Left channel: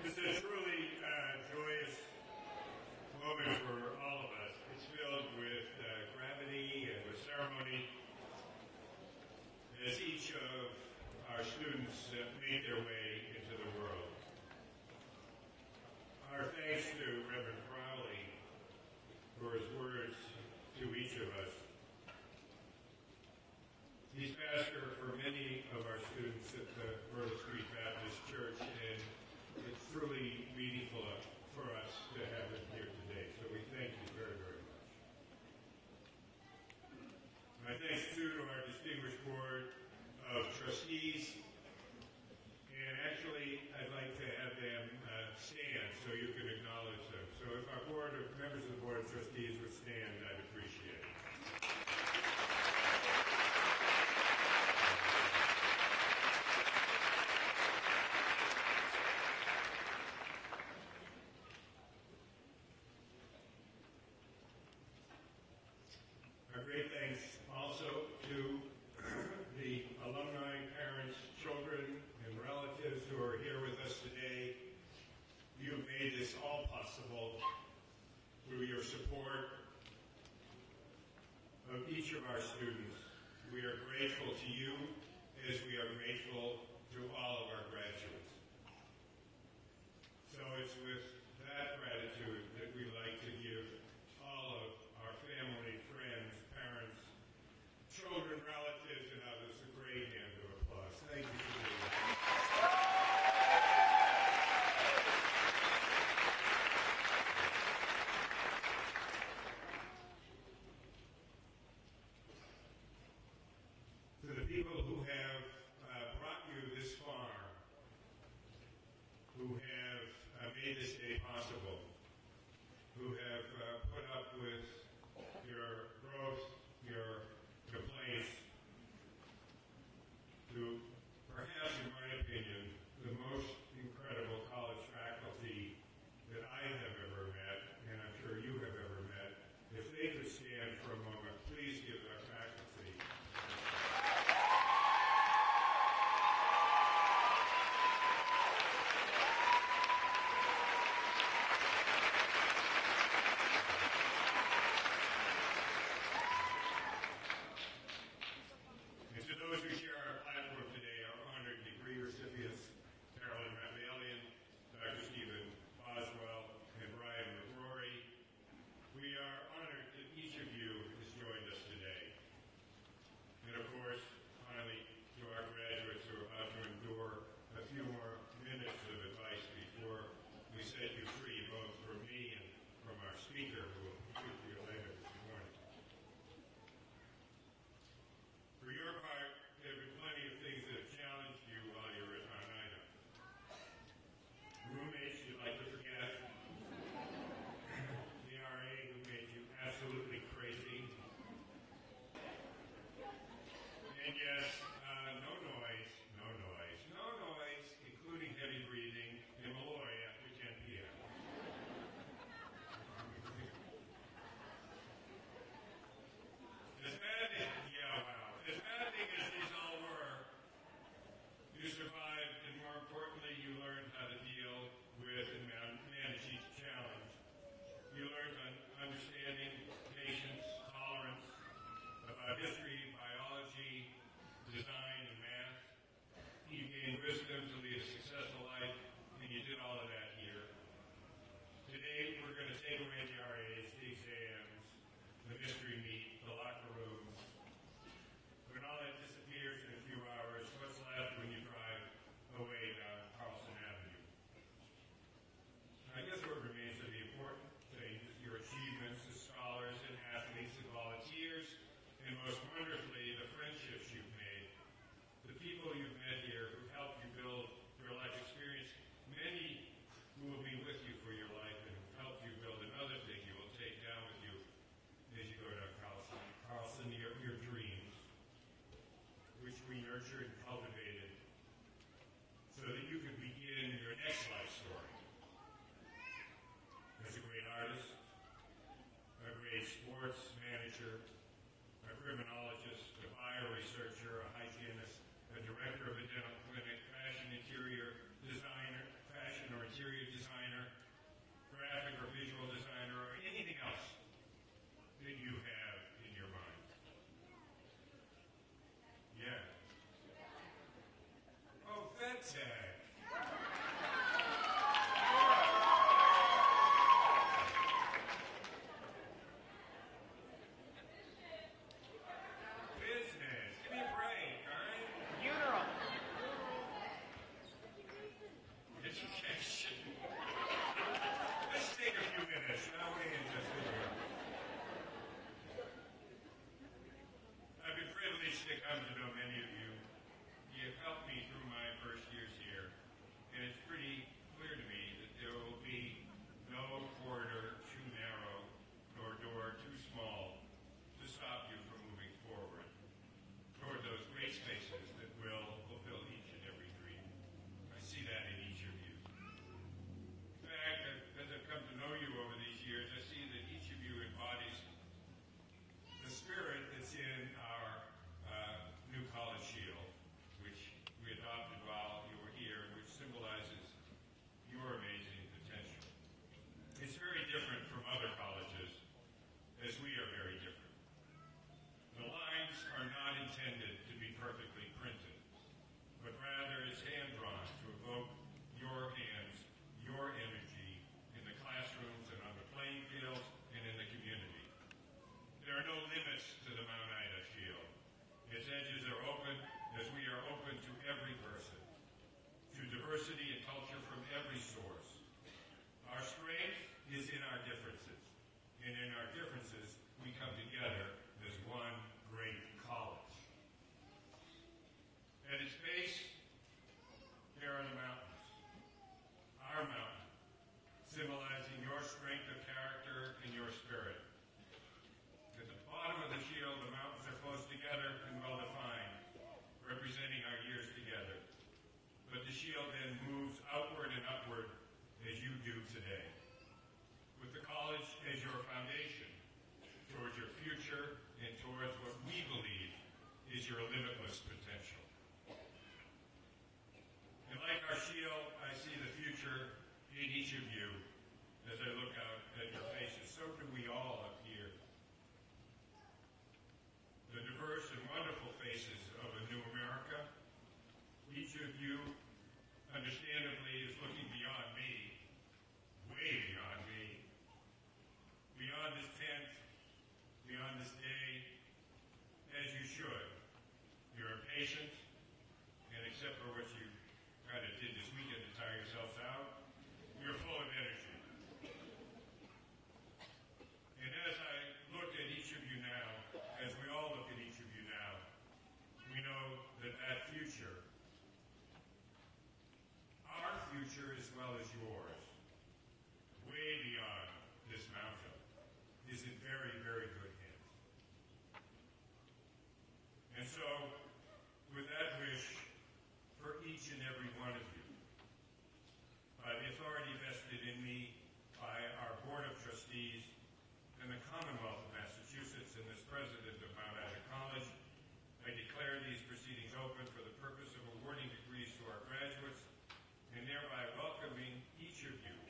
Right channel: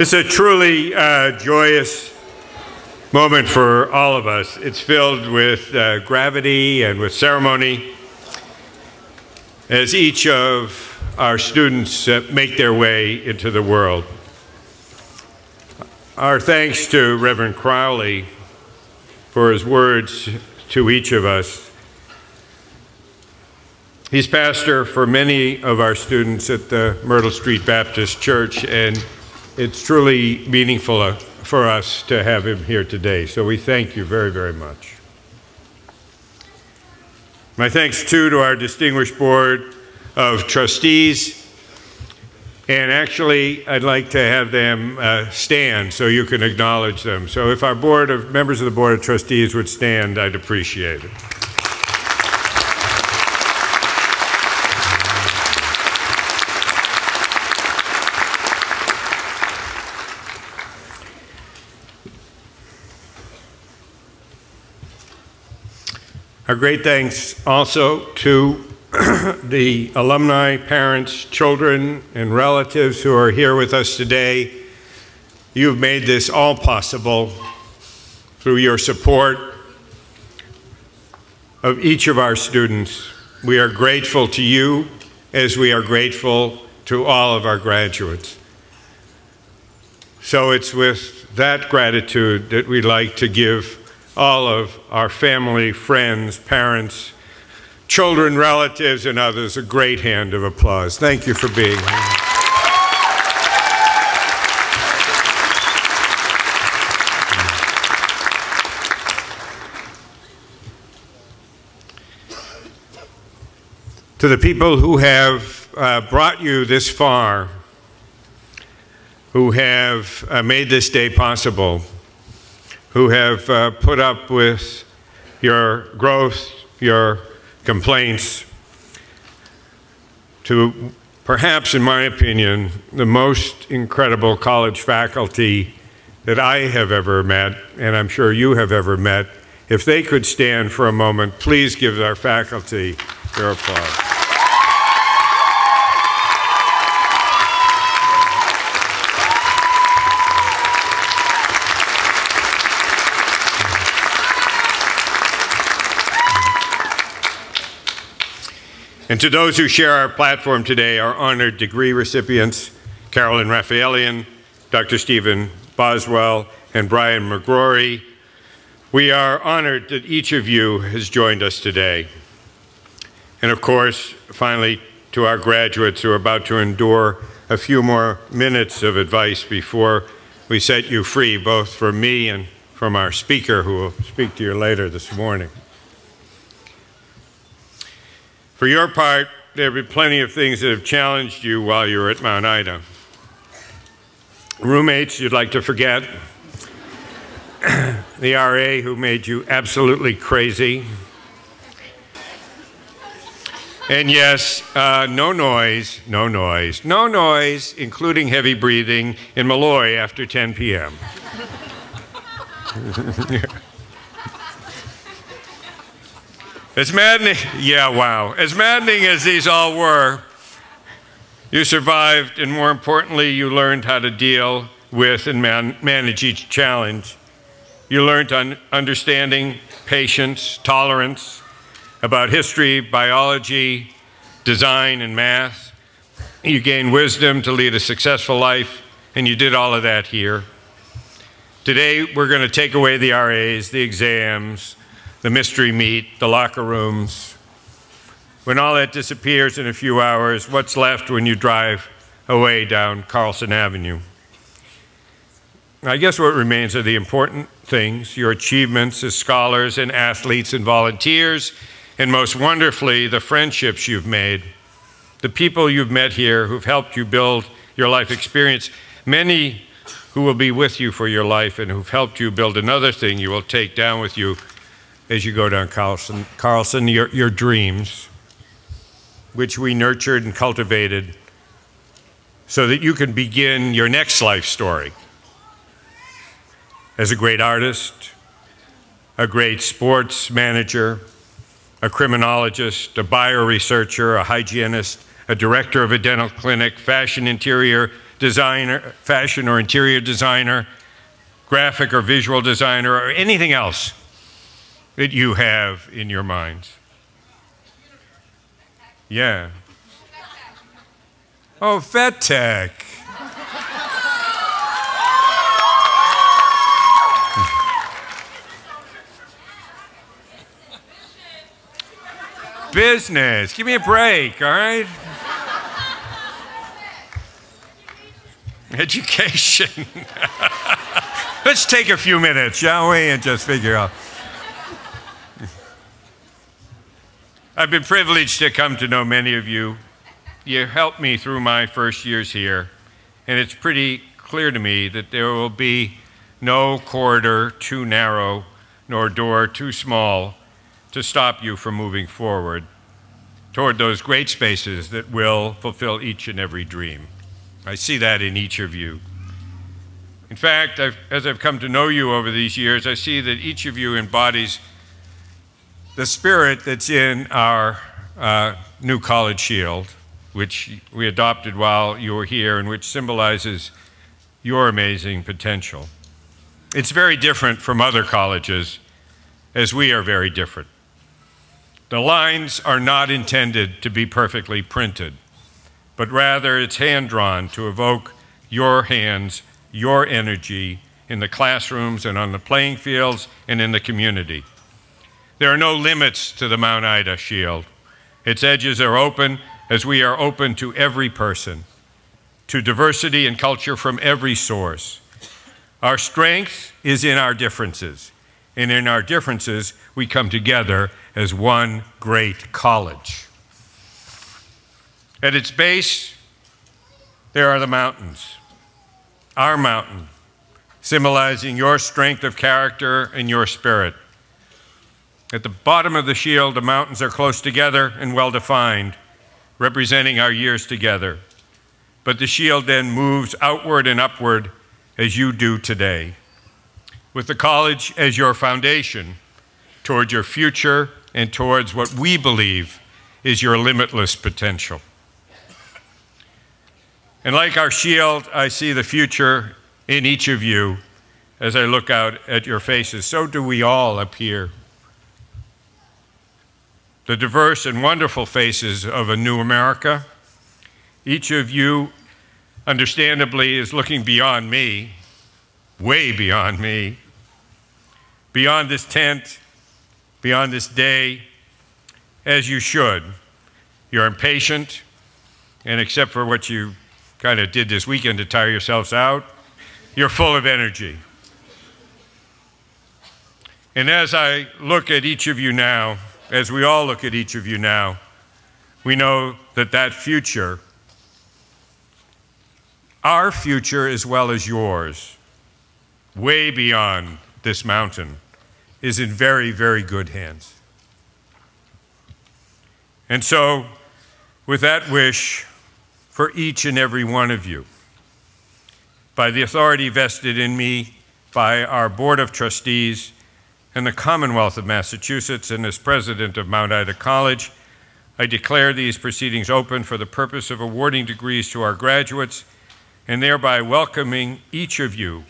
It's a truly joyous moment for all of us. It's filled with gravity and with ceremony as each of our students make their way into the world. Our thanks to Reverend Crowley for his words to each of us. He's pastor for many of our students at the Myrtle Street Baptist Church, and it's truly meaningful for us to have him here today. So we thank you very, very much. My thanks too to our distinguished board of trustees. And actually, I'd like to have them stand so you can acknowledge them. So if our members of the Board of Trustees would stand, I'd appreciate it. Our great thanks also to the alumni, parents, children, and relatives who are here with us today. You've made this all possible through your support of each of our students. We are grateful to you as we are grateful to all of our graduates. So it's with that gratitude that we'd like to give all of our family, friends, parents, children, relatives, and others a great hand of applause. Thank you for being here. To the people who have brought you this far, who have made this day possible, who have put up with your growth, your complaints, to perhaps, in my opinion, the most incredible college faculty that I have ever met, and I'm sure you have ever met. If they could stand for a moment, please give our faculty their applause. And to those who share our platform today, our honored degree recipients, Carolyn Raphaelian, Dr. Stephen Boswell, and Brian McGrory, we are honored that each of you has joined us today. And of course, finally, to our graduates who are about to endure a few more minutes of advice before we set you free, both from me and from our speaker, who will speak to you later this morning. For your part, there have been plenty of things that have challenged you while you were at Mount Ida. Roommates you'd like to forget, the RA who made you absolutely crazy, and yes, no noise, including heavy breathing in Malloy after 10 p.m. As maddening, as maddening as these all were, you survived, and more importantly, you learned how to deal with and manage each challenge. You learned understanding, patience, tolerance, about history, biology, design, and math. You gained wisdom to lead a successful life, and you did all of that here. Today, we're going to take away the RAs, the exams, the mystery meat, the locker rooms. When all that disappears in a few hours, what's left when you drive away down Carlson Avenue? I guess what remains are the important things, your achievements as scholars and athletes and volunteers, and most wonderfully, the friendships you've made, the people you've met here who've helped you build your life experience, many who will be with you for your life and who've helped you build another thing you will take down with you as you go down Carlson, your dreams, which we nurtured and cultivated so that you can begin your next life story as a great artist, a great sports manager, a criminologist, a bioresearcher, a hygienist, a director of a dental clinic, fashion interior designer, fashion or interior designer, graphic or visual designer, or anything else that you have in your minds? Yeah. Oh, vet tech. Business. Give me a break, all right? Education. Let's take a few minutes, shall we, and just figure out. I've been privileged to come to know many of you. You helped me through my first years here, and it's pretty clear to me that there will be no corridor too narrow nor door too small to stop you from moving forward toward those great spaces that will fulfill each and every dream. I see that in each of you. In fact, as I've come to know you over these years, I see that each of you embodies the spirit that's in our new college shield, which we adopted while you were here and which symbolizes your amazing potential. It's very different from other colleges, as we are very different. The lines are not intended to be perfectly printed, but rather it's hand-drawn to evoke your hands, your energy in the classrooms and on the playing fields and in the community. There are no limits to the Mount Ida Shield. Its edges are open as we are open to every person, to diversity and culture from every source. Our strength is in our differences, and in our differences we come together as one great college. At its base, there are the mountains, our mountain, symbolizing your strength of character and your spirit. At the bottom of the shield, the mountains are close together and well-defined, representing our years together. But the shield then moves outward and upward as you do today, with the college as your foundation toward your future and towards what we believe is your limitless potential. And like our shield, I see the future in each of you as I look out at your faces. So do we all up here. The diverse and wonderful faces of a new America. Each of you, understandably, is looking beyond me, way beyond me, beyond this tent, beyond this day, as you should. You're impatient, and except for what you kind of did this weekend to tire yourselves out, you're full of energy. And as I look at each of you now, as we all look at each of you now, we know that that future, our future as well as yours, way beyond this mountain, is in very, very good hands. And so, with that wish for each and every one of you, by the authority vested in me by our Board of Trustees and the Commonwealth of Massachusetts, and as president of Mount Ida College, I declare these proceedings open for the purpose of awarding degrees to our graduates and thereby welcoming each of you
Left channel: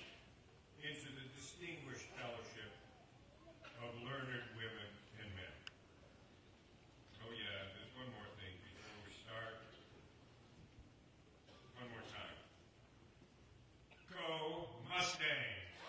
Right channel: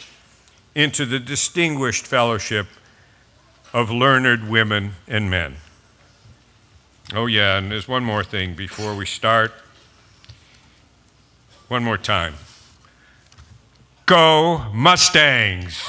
into the distinguished fellowship of learned women and men. Oh yeah, and there's one more thing before we start. One more time. Go Mustangs!